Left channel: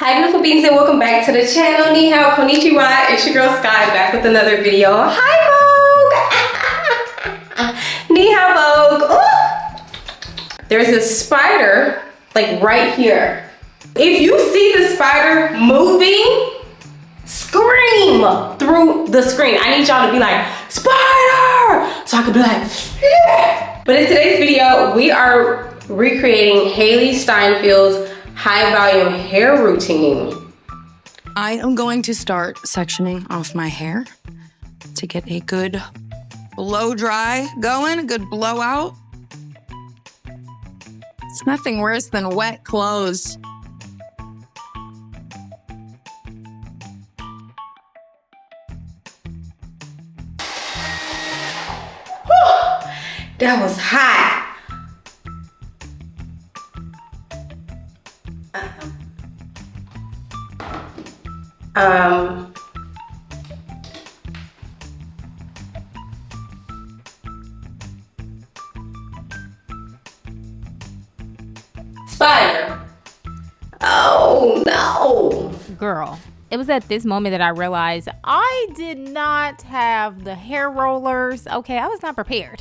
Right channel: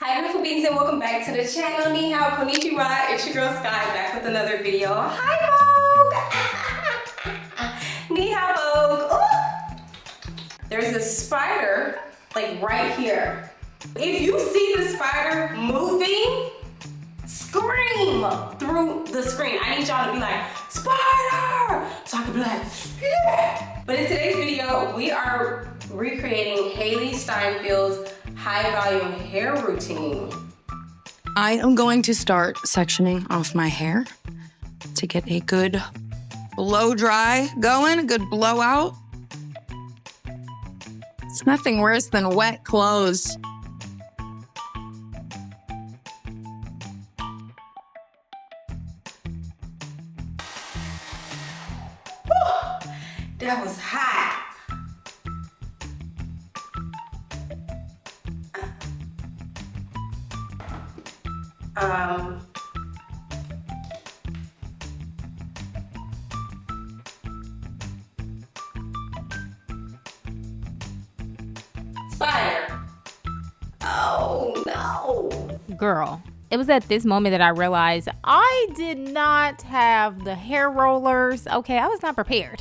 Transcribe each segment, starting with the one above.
Hi beautiful beings and welcome back to the channel. Ni hao, konnichiwa, it's your girl Sky back with another video. Hi Vogue! Ni hao Vogue. Ooh. There's a spider like right here. If you see the spider moving, scream through the screen. I need y'all to be like, spider! So I could be like, yeah. But in today's video, we are recreating Hailee Steinfeld's high volume hair routine. I am going to start sectioning off my hair to get a good blow dry going, a good blowout. It's nothing worse than wet clothes. Whew, that was hot. Spider. Oh no. Girl, it was at this moment that I realized I did not have the hair rollers. Okay, I was not prepared.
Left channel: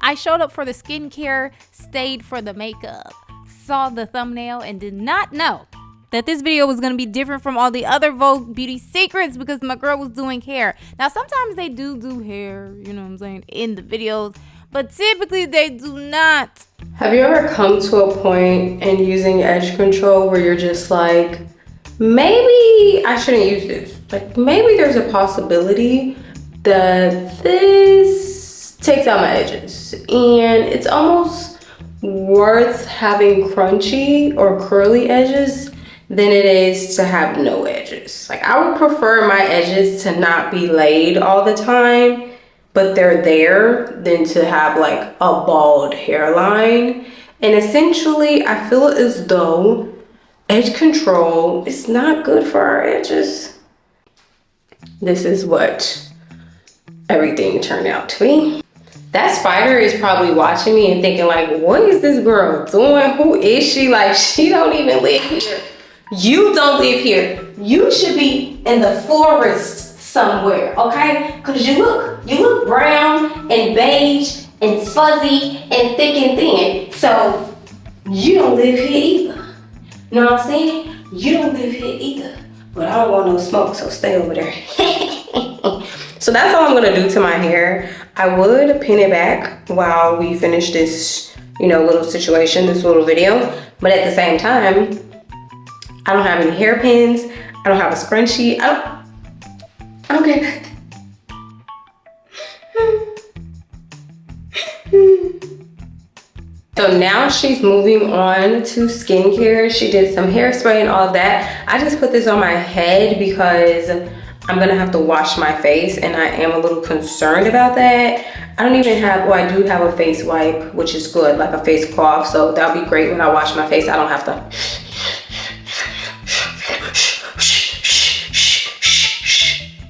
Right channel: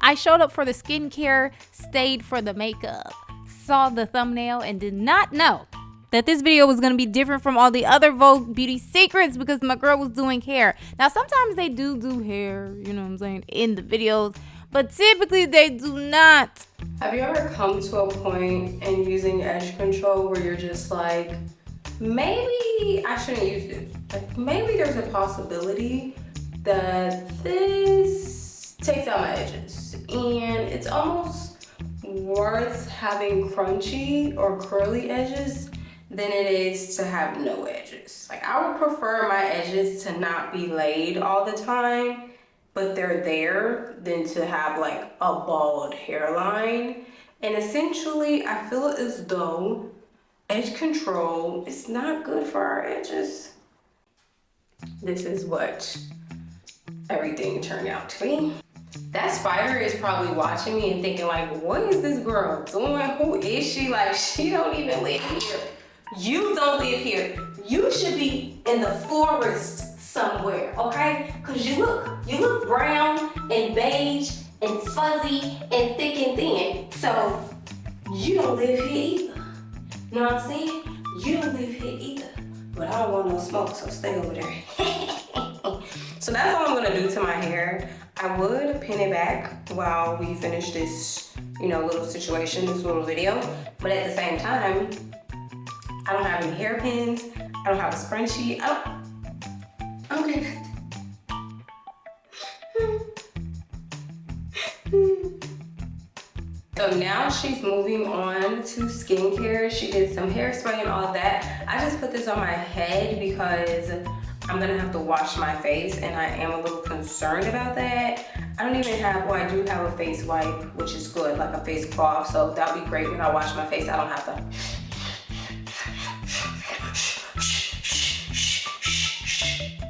I showed up for the skincare, stayed for the makeup, saw the thumbnail, and did not know that this video was going to be different from all the other Vogue beauty secrets because my girl was doing hair. Now, sometimes they do hair, you know what I'm saying, in the videos, but typically they do not. Have you ever come to a point in using edge control where you're just like, maybe I shouldn't use this. Like maybe there's a possibility that this takes out my edges and it's almost worth having crunchy or curly edges than it is to have no edges. Like I would prefer my edges to not be laid all the time, but they're there, than to have like a bald hairline. And essentially, I feel as though edge control is not good for our edges. This is what everything turned out to be. That spider is probably watching me and thinking like, what is this girl doing? Who is she? Like, she don't even live here. You don't live here. You should be in the forest somewhere, okay? Cause you look brown and beige and fuzzy and thick and thin. So you don't live here either. You know what I'm saying? You don't live here either. But I don't want no smoke, so stay over there. So that's all I'm gonna do to my hair. I would pin it back while we finish this, little situation, this little video. But at the same time, I don't have any hairpins. I don't have a scrunchie. I don't get nothing. So now she's moving on to skincare. She did some hairspray and all of that. I just put this on my head because I'm gonna have to wash my face and I am a little concerned about that. I don't even have, well, I do have a face wipe, which is good, like a face cloth. So that'll be great when I wash my face. I don't have to.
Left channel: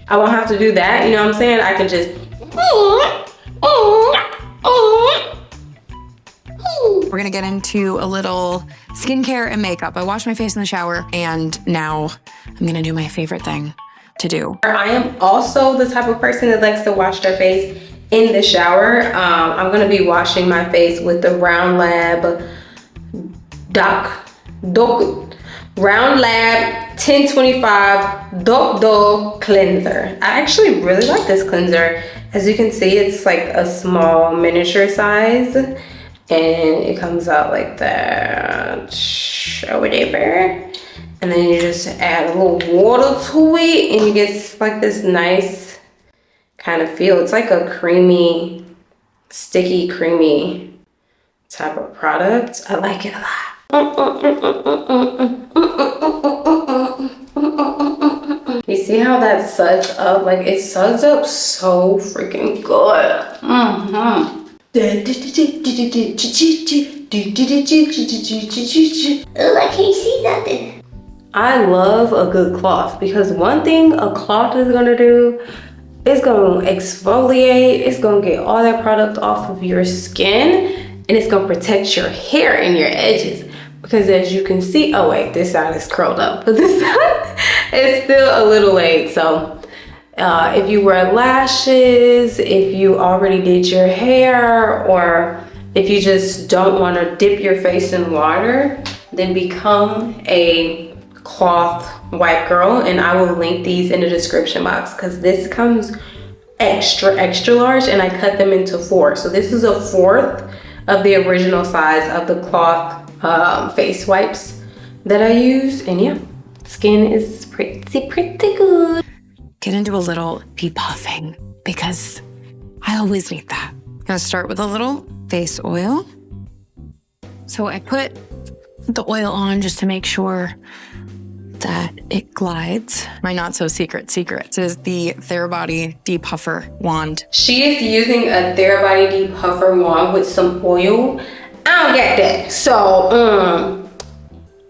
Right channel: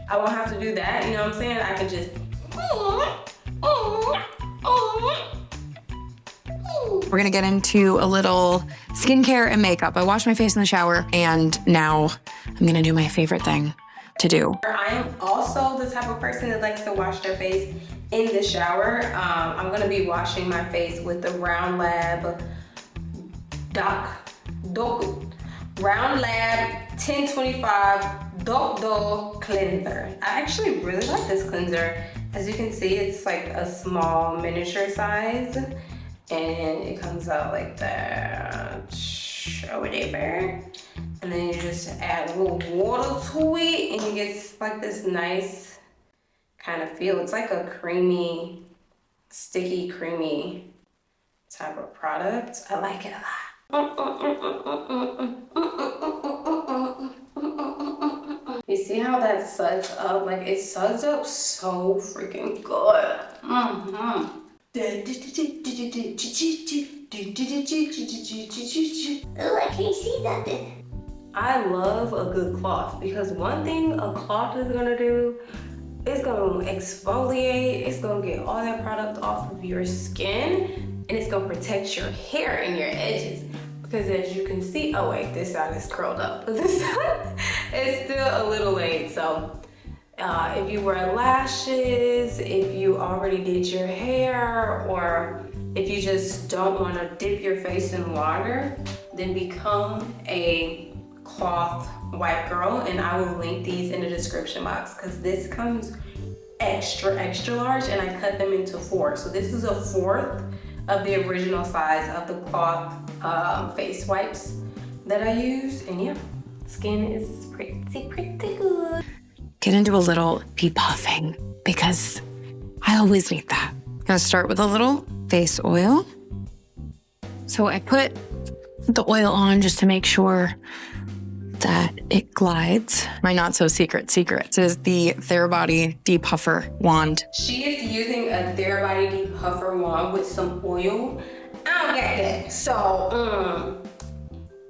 I won't have to do that, you know what I'm saying? I can just. We're gonna get into a little skincare and makeup. I washed my face in the shower and now I'm gonna do my favorite thing to do. I am also the type of person that likes to wash their face in the shower. I'm gonna be washing my face with the Round Lab Round Lab 1025 Do cleanser. I actually really like this cleanser. As you can see, it's like a small miniature size and it comes out like that. Show it there. And then you just add a little water to it and you get like this nice kind of feel. It's like a creamy, sticky, creamy type of product. I like it a lot. You see how that suds up? Like it suds up so freaking good. Oh, I can't see nothing. I love a good cloth because one thing a cloth is gonna do, it's gonna exfoliate, it's gonna get all that product off of your skin, and it's gonna protect your hair and your edges. because as you can see, oh wait, this side is curled up, but this side is still a little laid. So if you wear lashes, if you already did your hair, or if you just don't want to dip your face in water, then become a cloth white girl. And I will link these in the description box because this comes extra large and I cut them into 4. So this is a 1/4 of the original size of the cloth face wipes that I use. And yeah, skin is pretty good. Get into a little depuffing because I always need that. I'm gonna start with a little face oil. So I put the oil on just to make sure that it glides. My not so secret is the Therabody Depuffer wand. She is using a Therabody Depuffer wand with some oil. I don't get that. So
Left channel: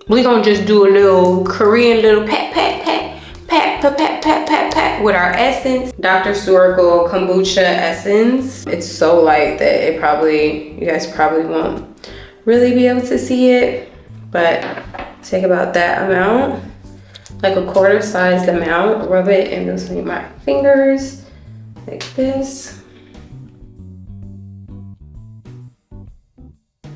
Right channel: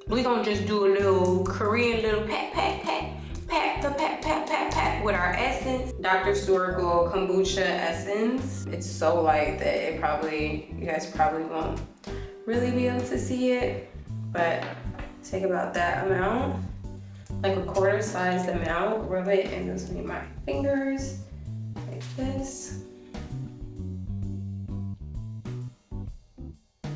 we're gonna just do a little Korean little pat with our essence. Dr. Suracle Kombucha Essence. It's so light that you guys probably won't really be able to see it, but take about that amount, like a quarter-sized amount, rub it in between my fingers, like this.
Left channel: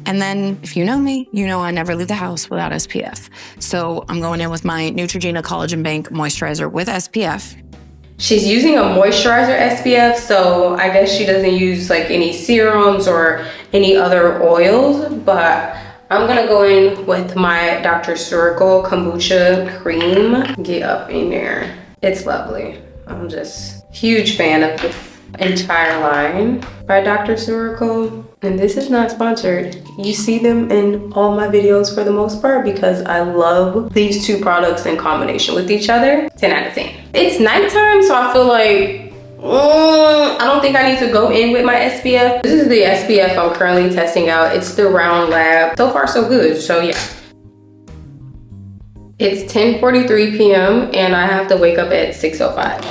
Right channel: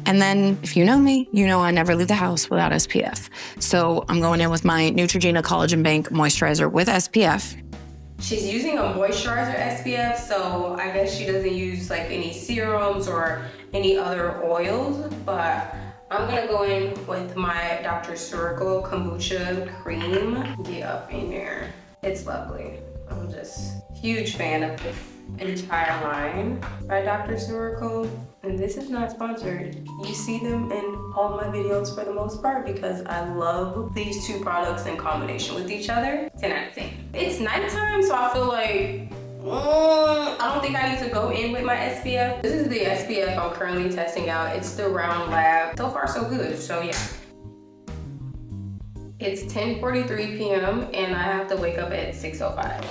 And then, if you know me, you know I never leave the house without SPF. So I'm going in with my Neutrogena Collagen Bank Moisturizer with SPF. She's using a moisturizer SPF, so I guess she doesn't use like any serums or any other oils, but I'm gonna go in with my Dr. Suracle Kombucha Cream. Get up in there. It's lovely. I'm just a huge fan of this entire line by Dr. Suracle. And this is not sponsored. You see them in all my videos for the most part because I love these two products in combination with each other. 10 out of 10. It's nighttime, so I feel like I don't think I need to go in with my SPF. This is the SPF I'm currently testing out. It's the Round Lab. So far, so good. So yeah. It's 10:43 p.m. and I have to wake up at 6:05.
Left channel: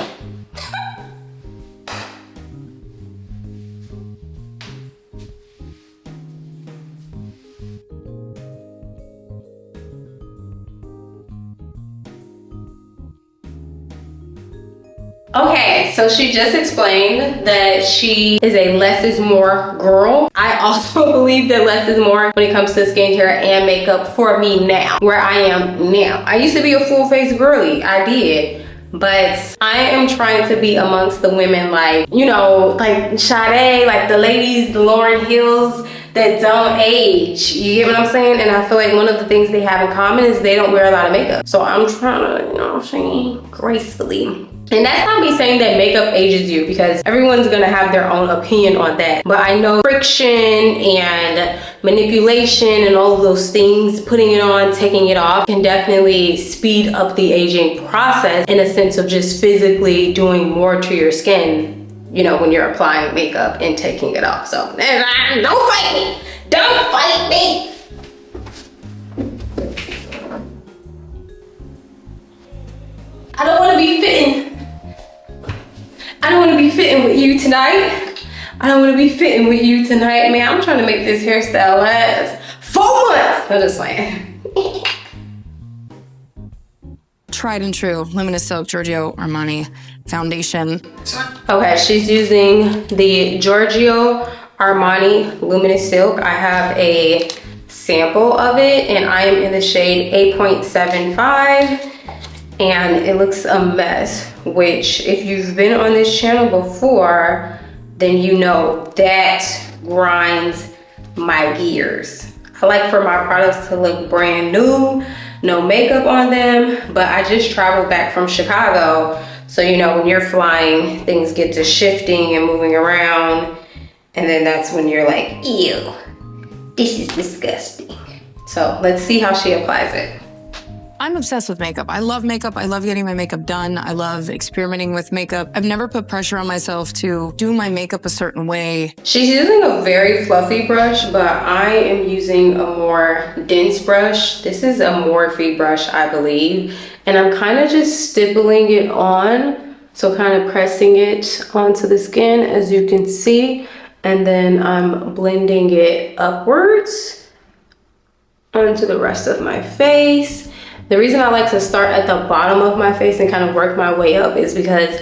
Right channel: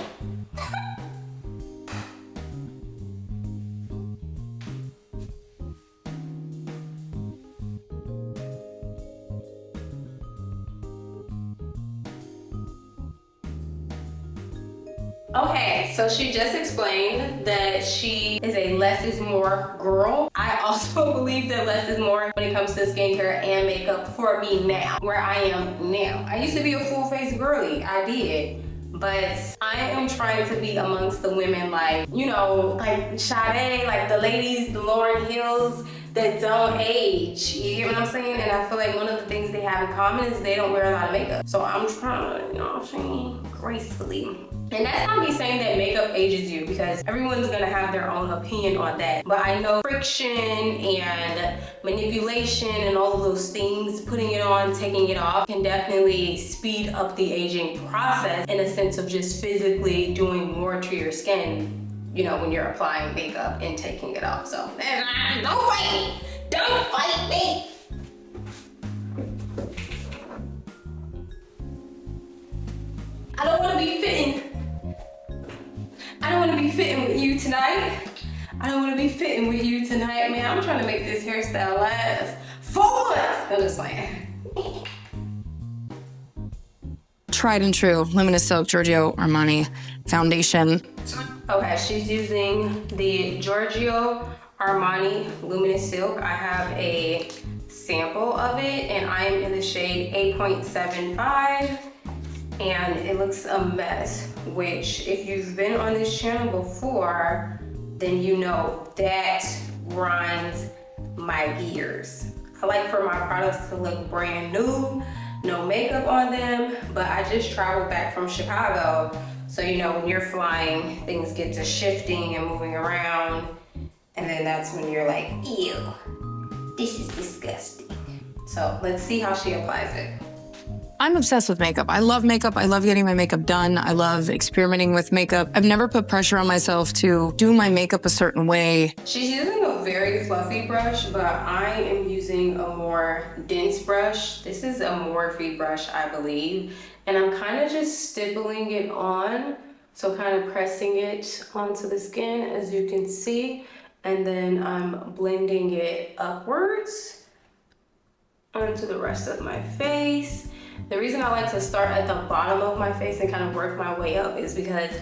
Okay, so she just explained that she is a less is more girl. I also believe that less is more when it comes to skincare and makeup for me now, where I am now. I used to be a full face girly, I did. But I am trying to be amongst the women like, you know, like Sade, like the ladies, the Lauryn Hills that don't age. You get what I'm saying? And I feel like one of the things they have in common is they don't wear a lot of makeup. So I'm trying to, you know what I'm saying, gracefully. And that's not me saying that makeup ages you, because everyone's gonna have their own opinion on that. But I know friction and manipulation and all of those things, putting it on, taking it off, can definitely speed up the aging process in a sense of just physically doing more to your skin, you know, when you're applying makeup and taking it off. So don't fight me, don't fight me. I don't wanna be fitting. I don't want to be fitting with you tonight. I don't want to be fitting with you tonight. Man, I'm trying to make this hairstyle last 4 months. I'm just playing. Tried and true, Luminous Silk Giorgio Armani foundation. Okay, she's using the Giorgio Armani Luminous Silk. I have a sample of it and I am in the shade 8.75. And it looks a mess, which if you've been on this channel before, then you know that grinds my gears. I like for my products to look brand new, no makeup on them, but I just traveled back from Chicago. So, you know, when you're flying, things get to shifting and moving around. And then that's when you're like, ew, this is disgusting. So let's see how she applies it. I'm obsessed with makeup. I love makeup. I love getting my makeup done. I love experimenting with makeup. I've never put pressure on myself to do my makeup a certain way. She's using a very fluffy brush, but I am using a more dense brush. This is a Morphe brush, I believe. And I'm kind of just stippling it on. So kind of pressing it onto the skin, as you can see. And then I'm blending it upwards. onto the rest of my face. The reason I like to start at the bottom of my face and kind of work my way up is because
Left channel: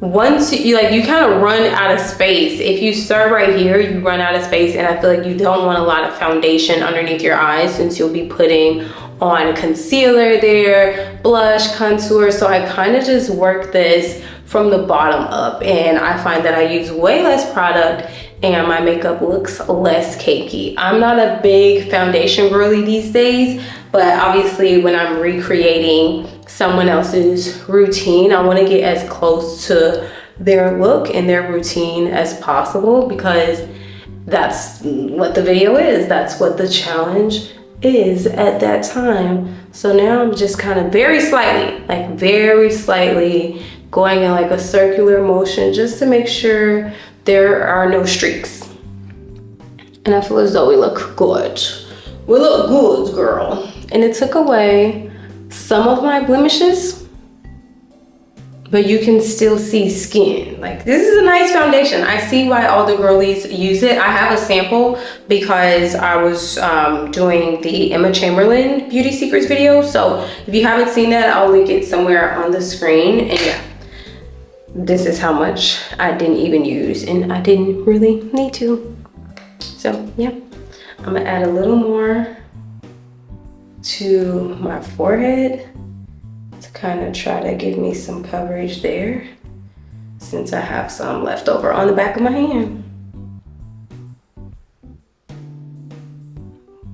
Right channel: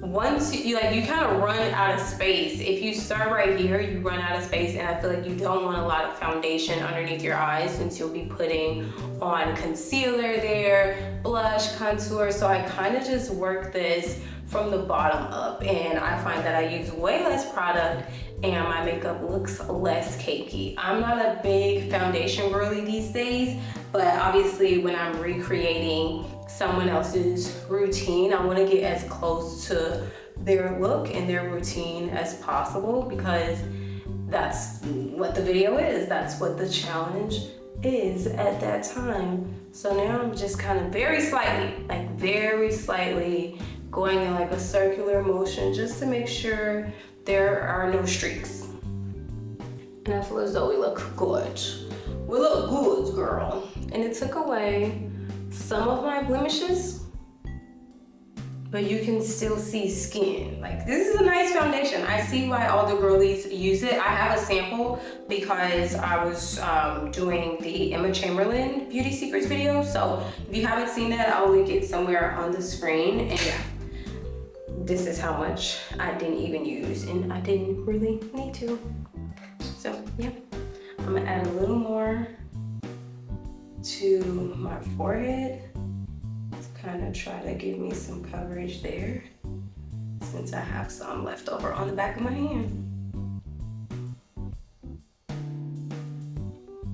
once you kind of run out of space. If you start right here, you run out of space, and I feel like you don't want a lot of foundation underneath your eyes since you'll be putting on concealer there, blush, contour. So I kind of just work this from the bottom up, and I find that I use way less product and my makeup looks less cakey. I'm not a big foundation girly these days, but obviously when I'm recreating someone else's routine, I want to get as close to their look and their routine as possible, because that's what the video is. That's what the challenge is at that time. So now I'm just kind of very slightly going in like a circular motion just to make sure there are no streaks. And I feel as though we look good. We look good, girl. And it took away some of my blemishes, but you can still see skin. Like, this is a nice foundation. I see why all the girlies use it. I have a sample because I was doing the Emma Chamberlain Beauty Secrets video. So if you haven't seen that, I'll link it somewhere on the screen. And yeah, this is how much I didn't even use, and I didn't really need to. So yeah, I'm gonna add a little more to my forehead to kind of try to give me some coverage there, since I have some left over on the back of my hand.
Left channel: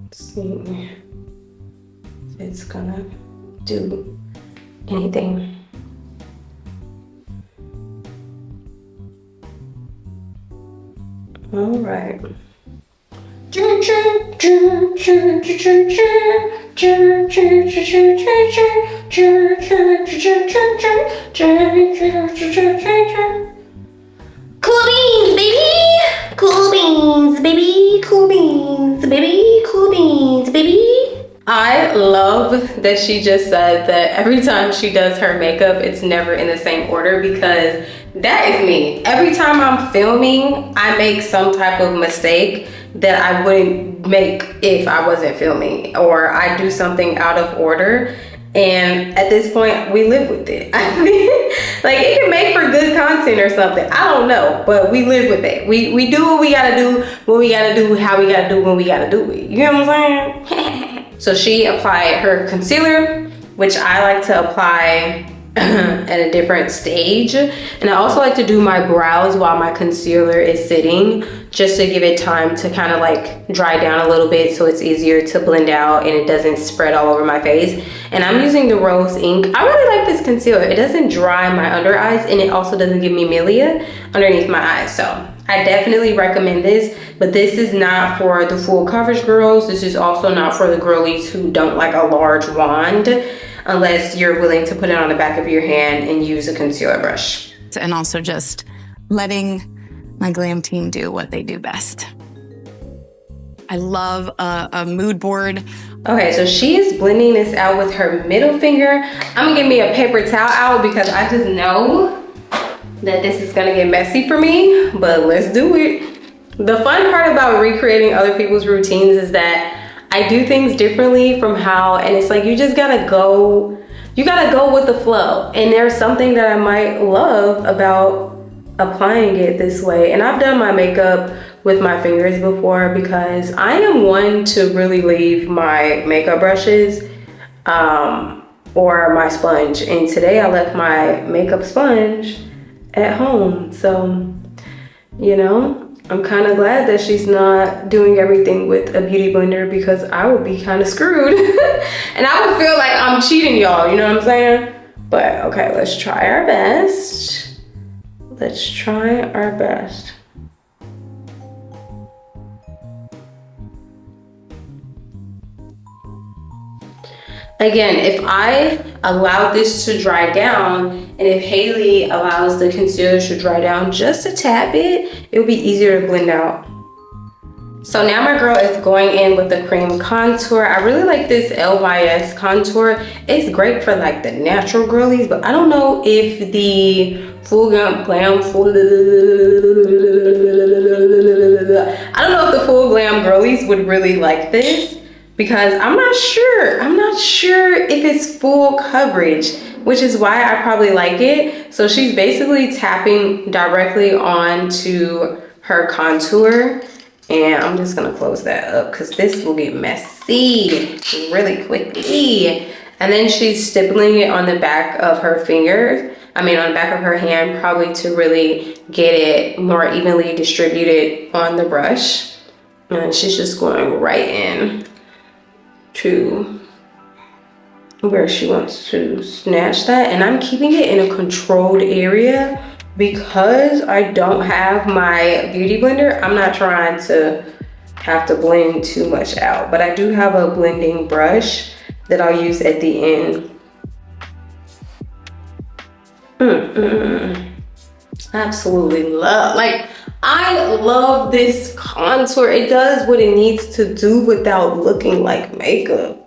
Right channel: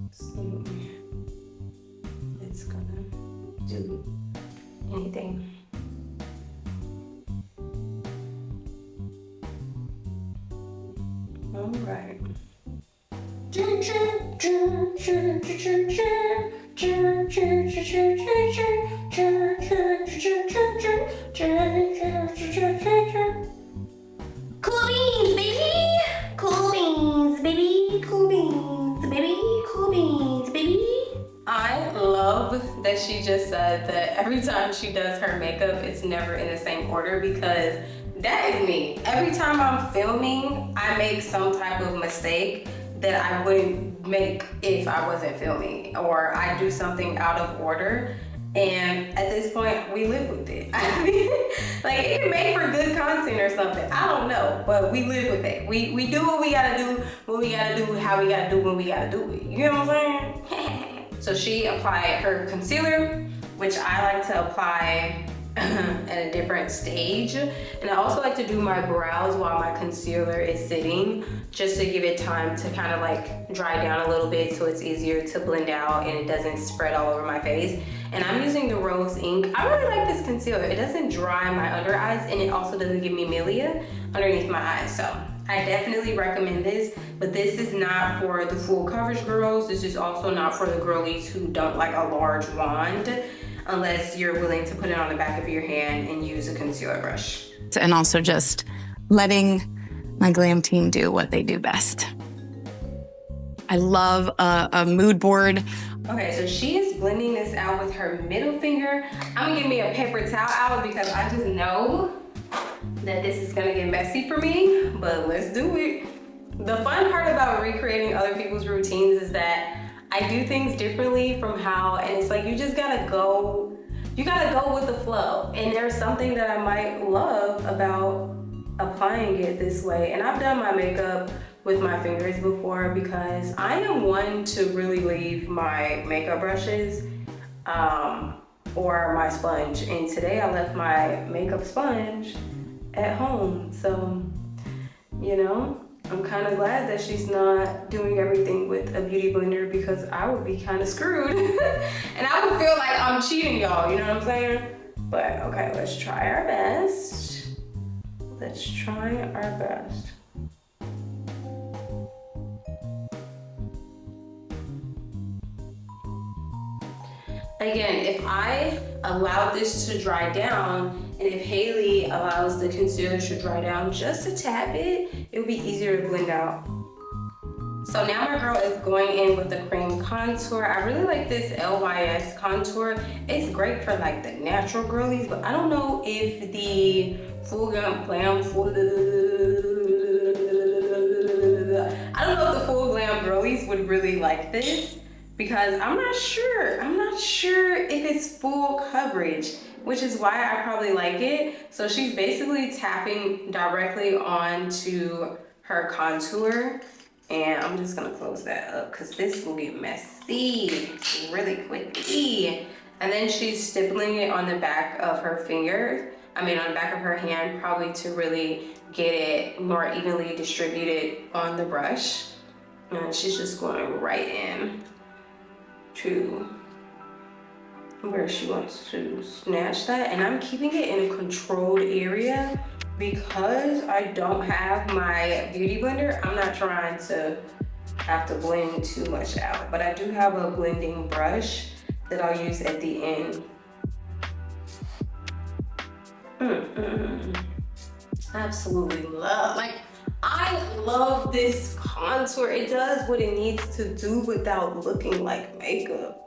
Let's see if it's gonna do anything. All right. Cool beans, baby. Cool beans, baby. Cool beans, baby. Cool beans, baby. I love that she just said that every time she does her makeup, it's never in the same order, because that is me. Every time I'm filming, I make some type of mistake that I wouldn't make if I wasn't filming, or I do something out of order. And at this point, we live with it. I mean, like, it can make for good content or something. I don't know, but we live with it. We do what we gotta do, when we gotta do, how we gotta do, when we gotta do it. You know what I'm saying? So she applied her concealer, which I like to apply at a different stage. And I also like to do my brows while my concealer is sitting, just to give it time to kind of like dry down a little bit, so it's easier to blend out and it doesn't spread all over my face. And I'm using the Rose Ink. I really like this concealer. It doesn't dry my under eyes, and it also doesn't give me milia underneath my eyes. So I definitely recommend this, but this is not for the full coverage girls. This is also not for the girlies who don't like a large wand, unless you're willing to put it on the back of your hand and use a concealer brush. And also just letting my glam team do what they do best. I love a mood board. Okay, so she is blending this out with her middle finger. I'm gonna give me a paper towel out because I just know that this is gonna get messy for me, but let's do it. The fun part about recreating other people's routines is that I do things differently from how, and it's like you just gotta go, you gotta go with the flow. And there's something that I might love about applying it this way. And I've done my makeup with my fingers before, because I am one to really leave my makeup brushes or my sponge. And today I left my makeup sponge at home. So, you know, I'm kind of glad that she's not doing everything with a beauty blender, because I would be kind of screwed. And I would feel like I'm cheating y'all, you know what I'm saying? But okay, let's try our best. Let's try our best. Again, if I allow this to dry down, and if Hailee allows the concealer to dry down just a tad bit, it'll be easier to blend out. So now my girl is going in with the cream contour. I really like this LYS contour. It's great for like the natural girlies, but I don't know if the full glam girlies would really like this, because I'm not sure if it's full coverage, which is why I probably like it. So she's basically tapping directly onto her contour, and I'm just gonna close that up because this will get messy really quickly. And then she's stippling it on the back of her fingers, on the back of her hand, probably to really get it more evenly distributed on the brush. And she's just going right in to where she wants to snatch that. And I'm keeping it in a controlled area because I don't have my beauty blender. I'm not trying to have to blend too much out, but I do have a blending brush that I'll use at the end. Absolutely love, like, I love this contour. It does what it needs to do without looking like makeup.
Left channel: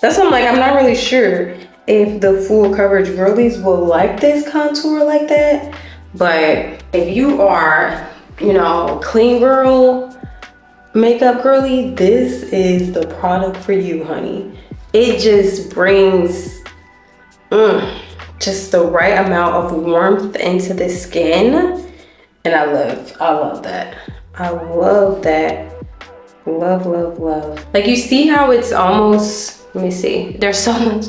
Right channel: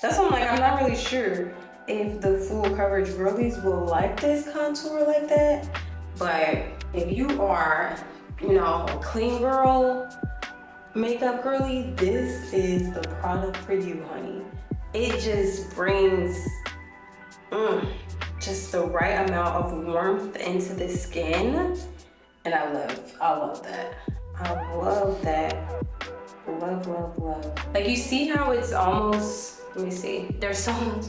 That's why I'm like, I'm not really sure if the full coverage girlies will like this contour like that. But if you are, you know, clean girl, makeup girly, this is the product for you, honey. It just brings just the right amount of warmth into the skin. And I love that. I love that. Love, love, love. Like, you see how it's almost, let me see. There's so much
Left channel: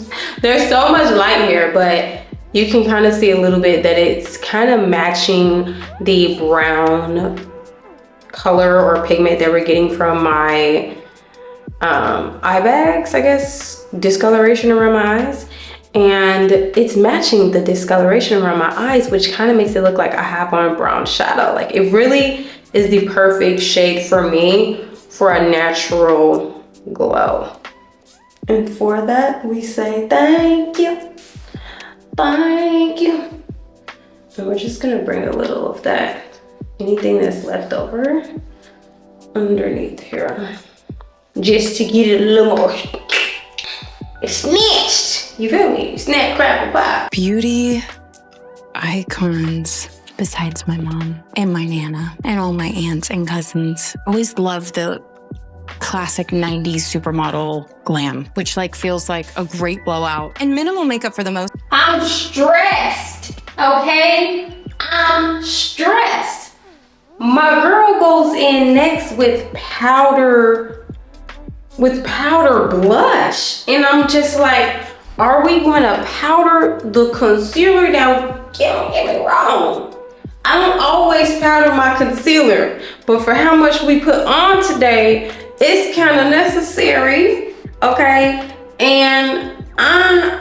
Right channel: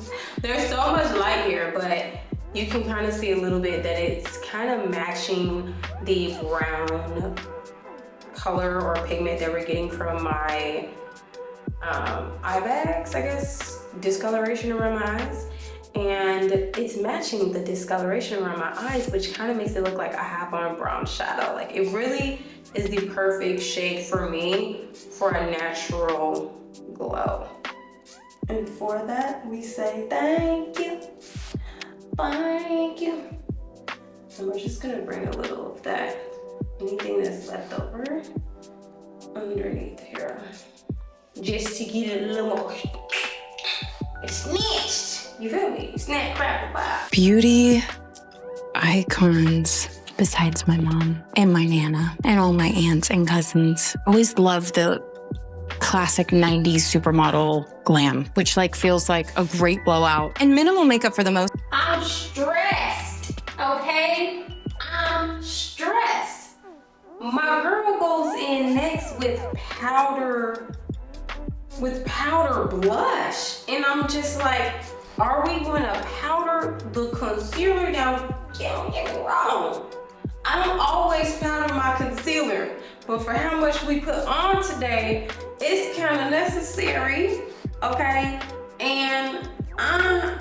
light here, but you can kind of see a little bit that it's kind of matching the brown color or pigment that we're getting from my eye bags, I guess, discoloration around my eyes. And it's matching the discoloration around my eyes, which kind of makes it look like I have on brown shadow. Like, it really is the perfect shade for me for a natural glow. And for that, we say thank you. Thank you. And we're just gonna bring a little of that, anything that's left over, underneath here, just to get it a little more snatched. You feel me? Snap, crackle, pop. Beauty icons besides my mom and my nana and all my aunts and cousins. Always loved the classic 90s supermodel glam, which like feels like a great blowout and minimal makeup for the most. I'm stressed, okay? I'm stressed. My girl goes in next with powder blush, and I'm just like, are we gonna powder the concealer down? Don't get me wrong, I don't always powder my concealer, but for how much we put on today, it's kind of necessary, okay? And I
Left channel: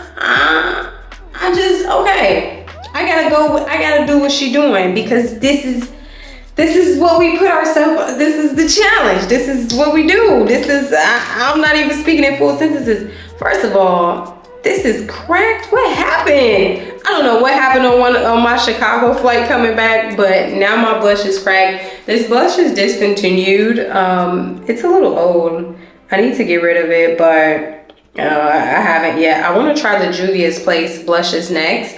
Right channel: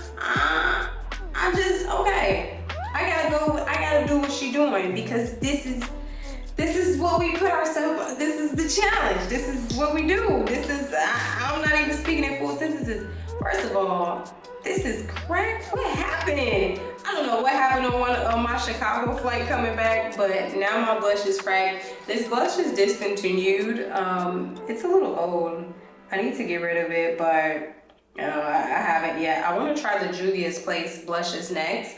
just, okay, I gotta do what she doing, because this is what we put ourselves, this is the challenge, this is what we do, I'm not even speaking in full sentences. First of all, this is cracked. What happened? I don't know what happened on my Chicago flight coming back, but now my blush is cracked. This blush is discontinued. It's a little old. I need to get rid of it, but I haven't yet. I want to try the Juvia's Place blushes next.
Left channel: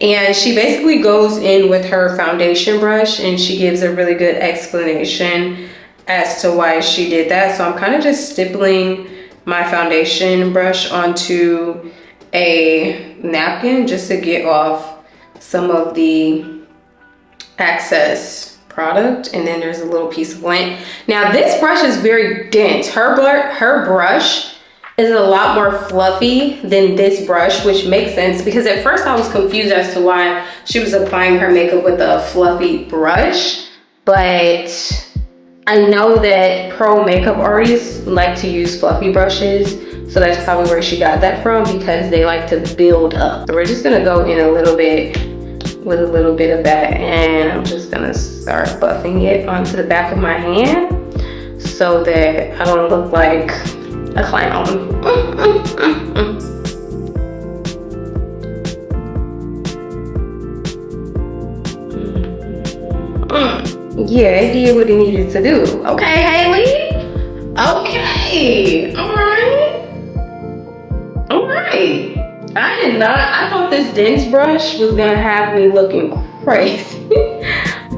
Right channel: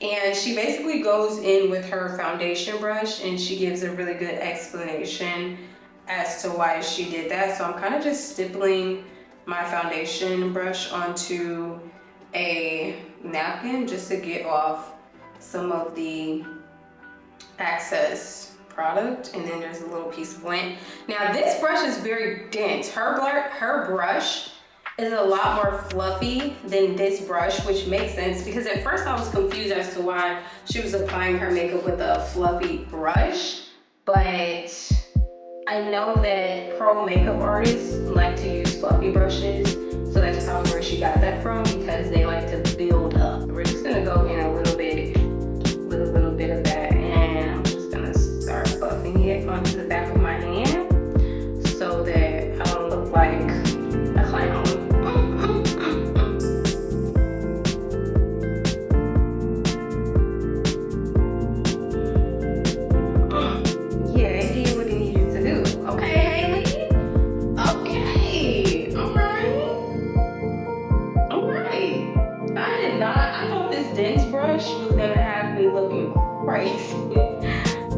And she basically goes in with her foundation brush and she gives a really good explanation as to why she did that. So I'm kind of just stippling my foundation brush onto a napkin just to get off some of the excess product. And then there's a little piece of lint. Now this brush is very dense. Her brush is a lot more fluffy than this brush, which makes sense because at first I was confused as to why she was applying her makeup with a fluffy brush. But I know that pro makeup artists like to use fluffy brushes, so that's probably where she got that from, because they like to build up. So we're just gonna go in a little bit with a little bit of that, and I'm just gonna start buffing it onto the back of my hand so that I don't look like a clown. Yeah, it did what it needed to do. Okay, Hailee? Okay, all right. I thought this dense brush was gonna have me looking crazy,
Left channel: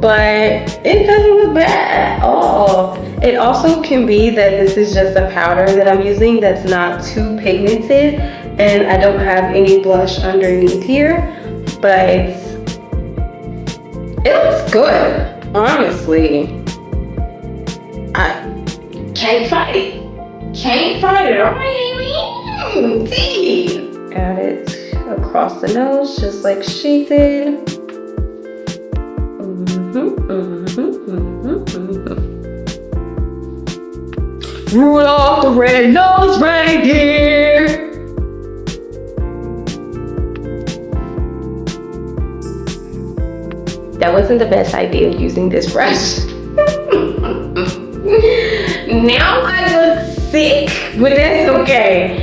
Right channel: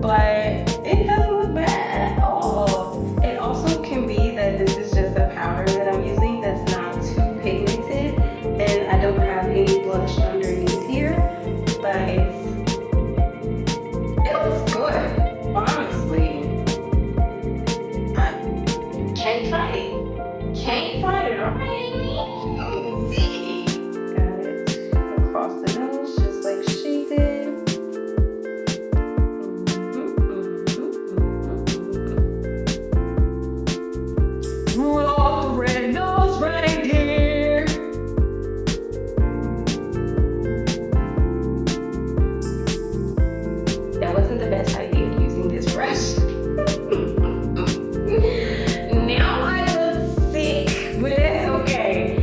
but it doesn't look bad at all. It also can be that this is just a powder that I'm using that's not too pigmented, and I don't have any blush underneath here, but it looks good, honestly. I can't fight it. Can't fight it, alright? Add it across the nose, just like she did. Rudolph the red-nosed reindeer. That wasn't the best idea of using this brush. Now I look sick, but that's okay.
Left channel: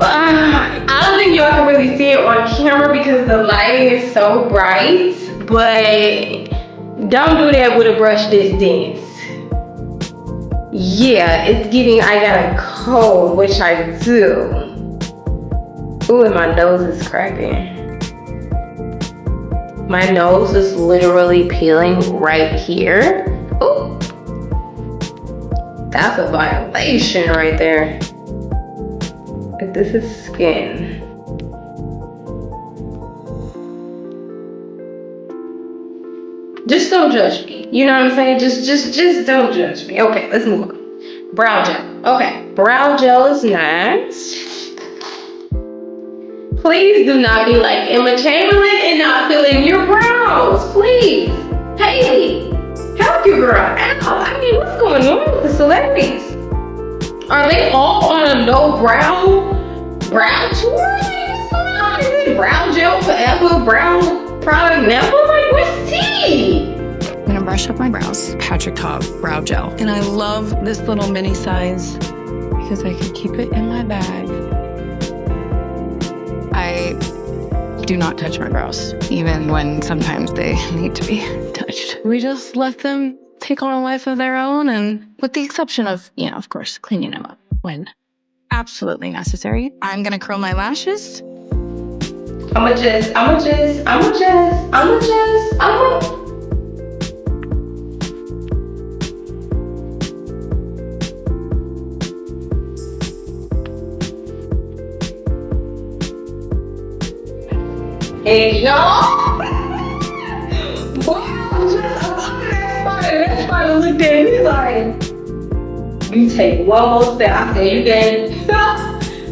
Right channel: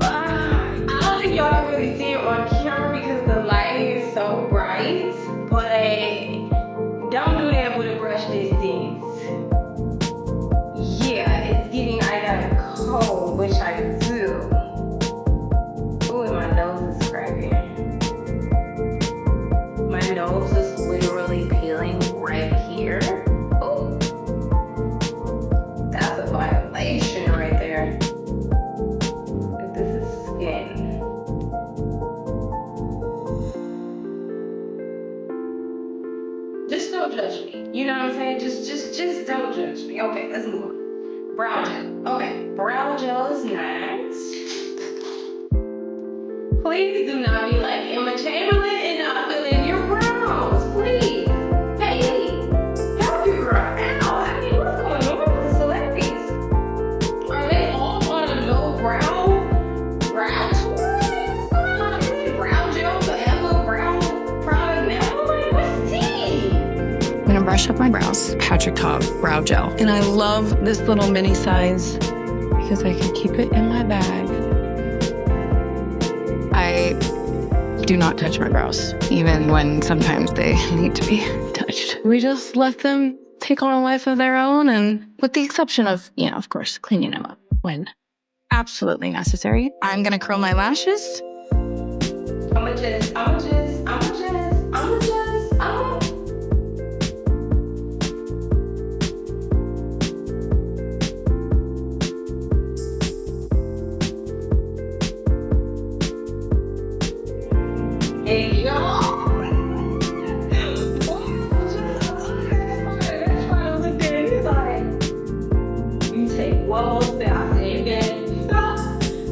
I don't think y'all can really see it on camera because the lighting is so bright, but don't do that with a brush this dense. Yeah, it's giving I got a cold, which I do. Ooh, and my nose is cracking. My nose is literally peeling right here. Ooh. That's a violation right there. If this is skin. Just don't judge me. You know what I'm saying? Just don't judge me. Okay, let's move on. Brow gel. Okay, brow gel is nice. Please do not be like Emma Chamberlain and not fill in your brows. Please. Hailee, help your girl out. I mean, what's going on with the celebrities? Are they all on a no brow tour? What's going on? Is it brow gel forever? Brow product never? Like, what's tea? I'm gonna brush up my brows. Patrick Ta brow gel. And I love this little mini size because I can keep it in my bag. I do not touch my brows, even when sometimes they need to be touched. We just let them take on a life of their own, and with the exception of, of course, cleaning them up when absolutely necessary. I'm gonna curl my lashes. I'ma just. Hey, y'all. That's looked at me like, you take one more step. I said, you got it.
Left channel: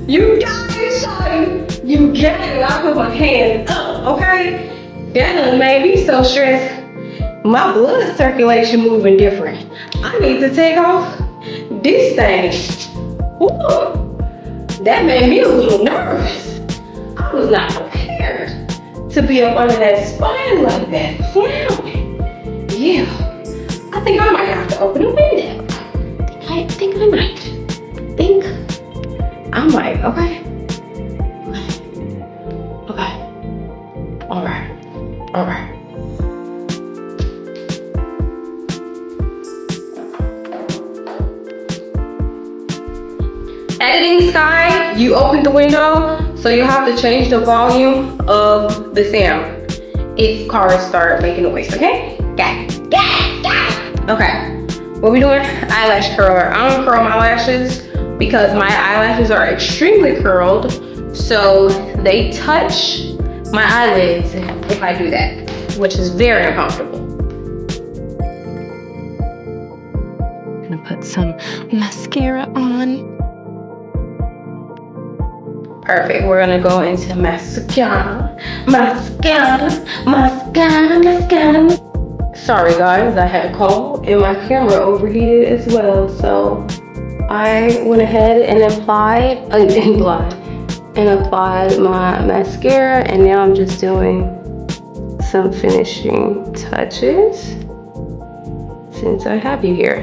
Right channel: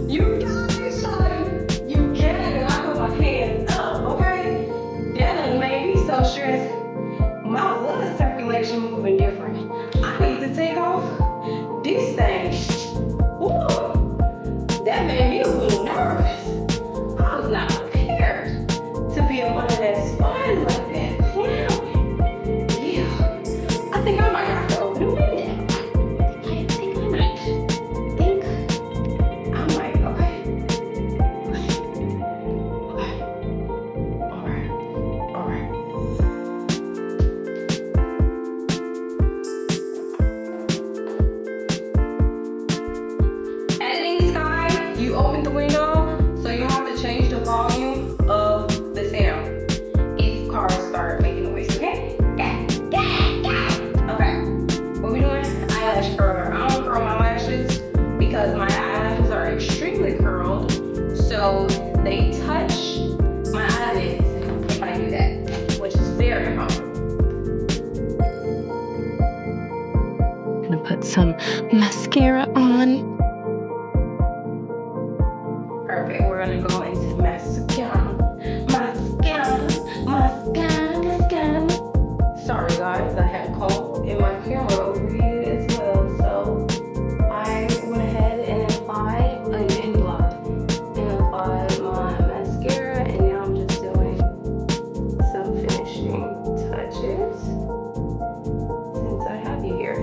You got it, son. You got it. I put my hands up, okay? That done made me so stressed. My blood circulation moving different. I need to take off this thing. Ooh, that made me a little nervous. I was not prepared to be up under that spine like that. Yeah. I think I might have to open a window. I think I might. Okay. All right. Editing Sky, you opened the window, so you have to change the volume of the sound if cars start making noise, okay? Got it. Okay, what we doing? Eyelash curler. I don't curl my lashes because my eyelashes are extremely curled, so they touch my eyelids if I do that, which is very uncomfortable. I'm gonna put some mascara on. Perfect, we're gonna go into mascara. Sorry guys, I had a call and my camera overheated as well, so I went ahead and applied my mascara, and now I'm just doing some finishing touches since I have you here.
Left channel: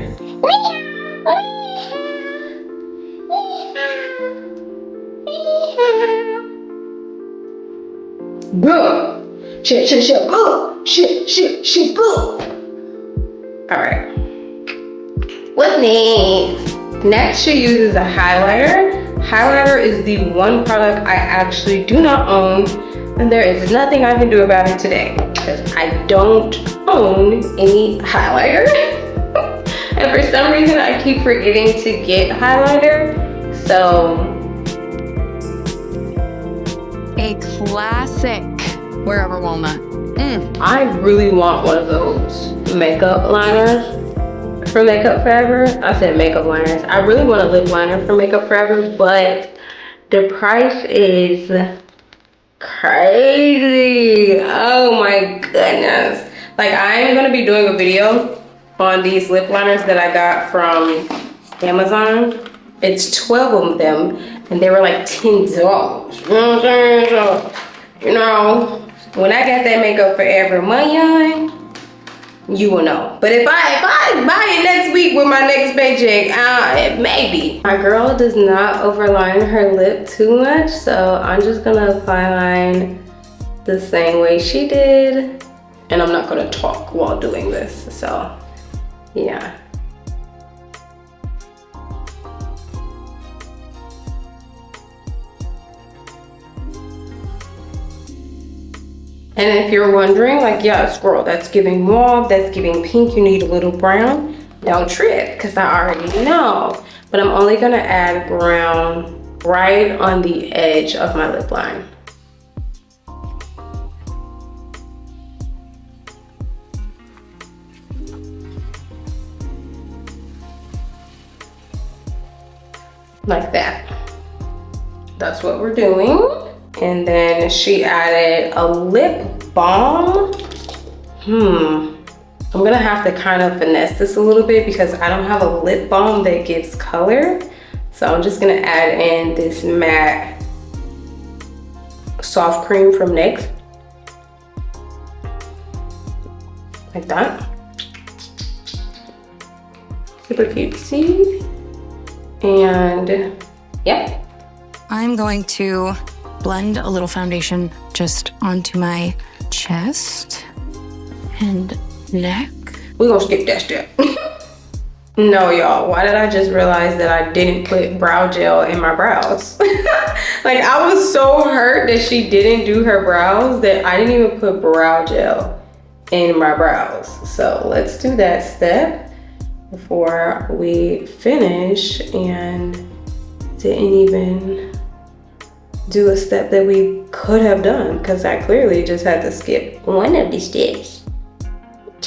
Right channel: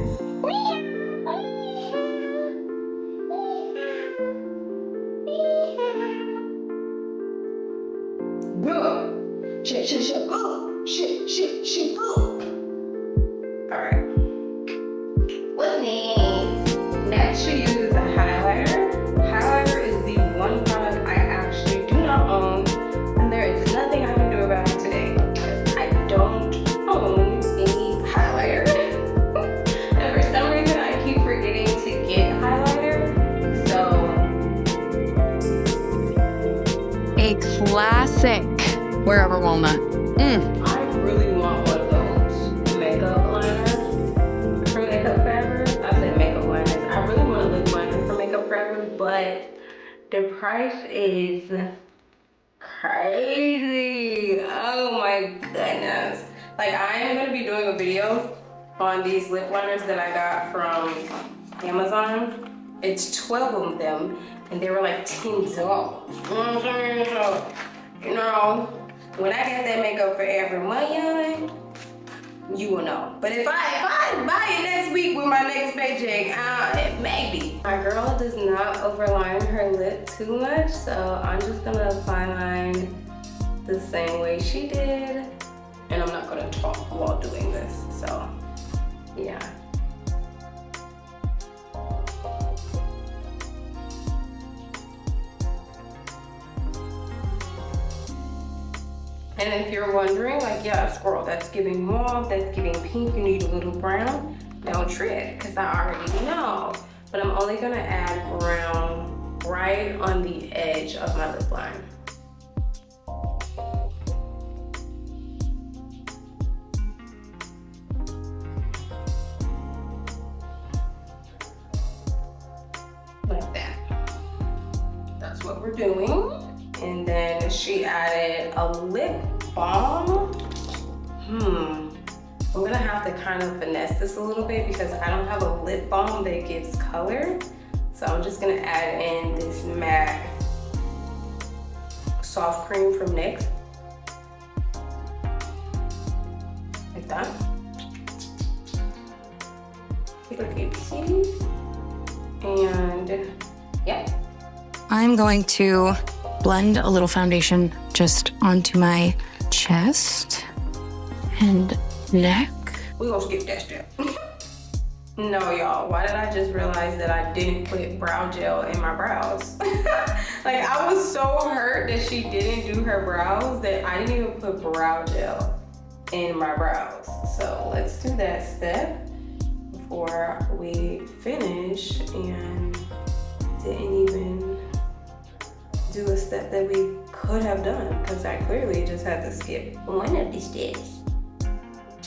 Good. Shit. All right. What's next? Next, she uses a highlighter. Highlighter is the one product I actually do not own, and there is nothing I can do about it today because I don't own any highlighter. And for some reason I keep forgetting to get highlighter. So A classic Wherever Walnut. I really want one of those makeup liners for Makeup Forever. I said makeup liners. I really want a lip liner for Makeup Forever, but the price is crazy. Oh my goodness. Like, I am gonna be doing a video on these lip liners that I got from Amazon. It's 12 of them and they were like $10. You know what I'm saying? So, you know, when I got that Makeup Forever money on, you will know. But if I buy it next week with my next paycheck, maybe. My girl does not overline her lip too much, so I'm just gonna apply line the same way she did. And I'm not gonna talk while doing this, so yeah. And if you're wondering, like, yes, girl, that's giving mauve, that's giving pink, you need a little brown, don't trip, because I already know. But I'm only gonna add brown right on the edge of my lip line. Like that. That's what we're doing. And then she added a lip balm. I'm gonna have to kind of finesse this a little bit because I don't have a lip balm that gives color. So I'm just gonna add in this matte soft cream from NYX. Like that. Super cutesy. And yeah. I'm going to blend a little foundation just onto my chest and neck. We're gonna skip that step. No, y'all, why did I just realize that I didn't put brow gel in my brows? Like, I was so hurt that she didn't do her brows that I didn't even put brow gel in my brows. So let's do that step before we finish, and didn't even do a step that we could have done because I clearly just had to skip one of the steps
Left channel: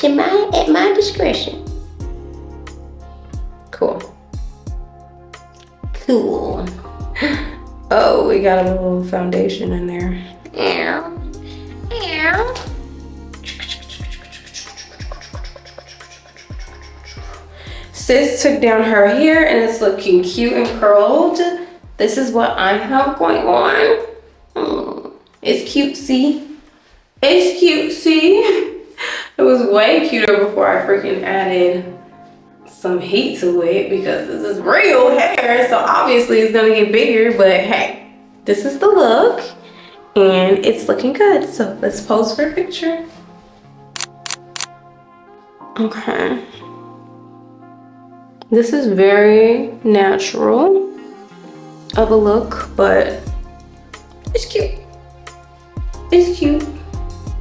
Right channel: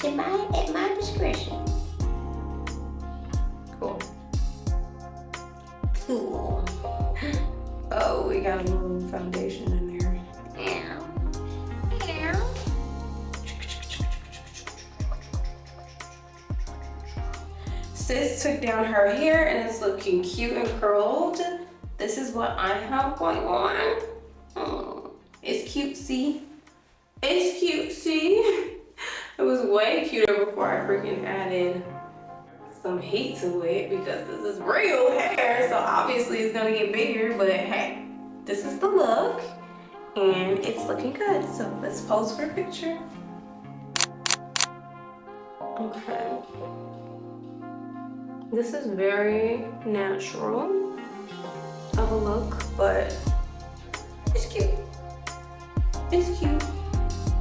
at my discretion. Cool. Cool. Oh, we got a little foundation in there. Yeah. Yeah. Sis took down her hair and it's looking cute and curled. This is what I have going on. It's cutesy. It's cutesy. It was way cuter before I freaking added some heat to it because this is real hair, so obviously it's gonna get bigger, but hey, this is the look and it's looking good. So let's pose for a picture. Okay. This is very natural of a look, but it's cute. It's cute.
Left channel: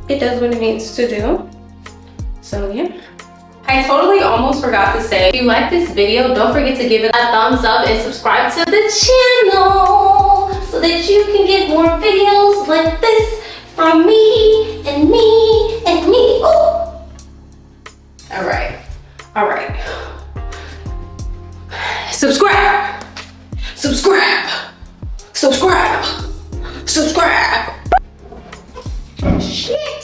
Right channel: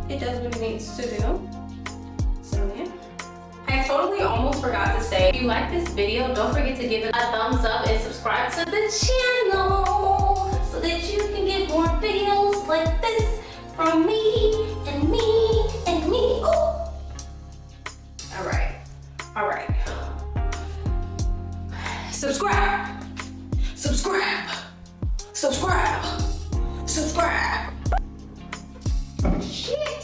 It does what it needs to do. So yeah. I totally almost forgot to say, if you like this video, don't forget to give it a thumbs up and subscribe to the channel so that you can get more videos like this from me and me and me. Ooh. All right. Subscribe. Shit.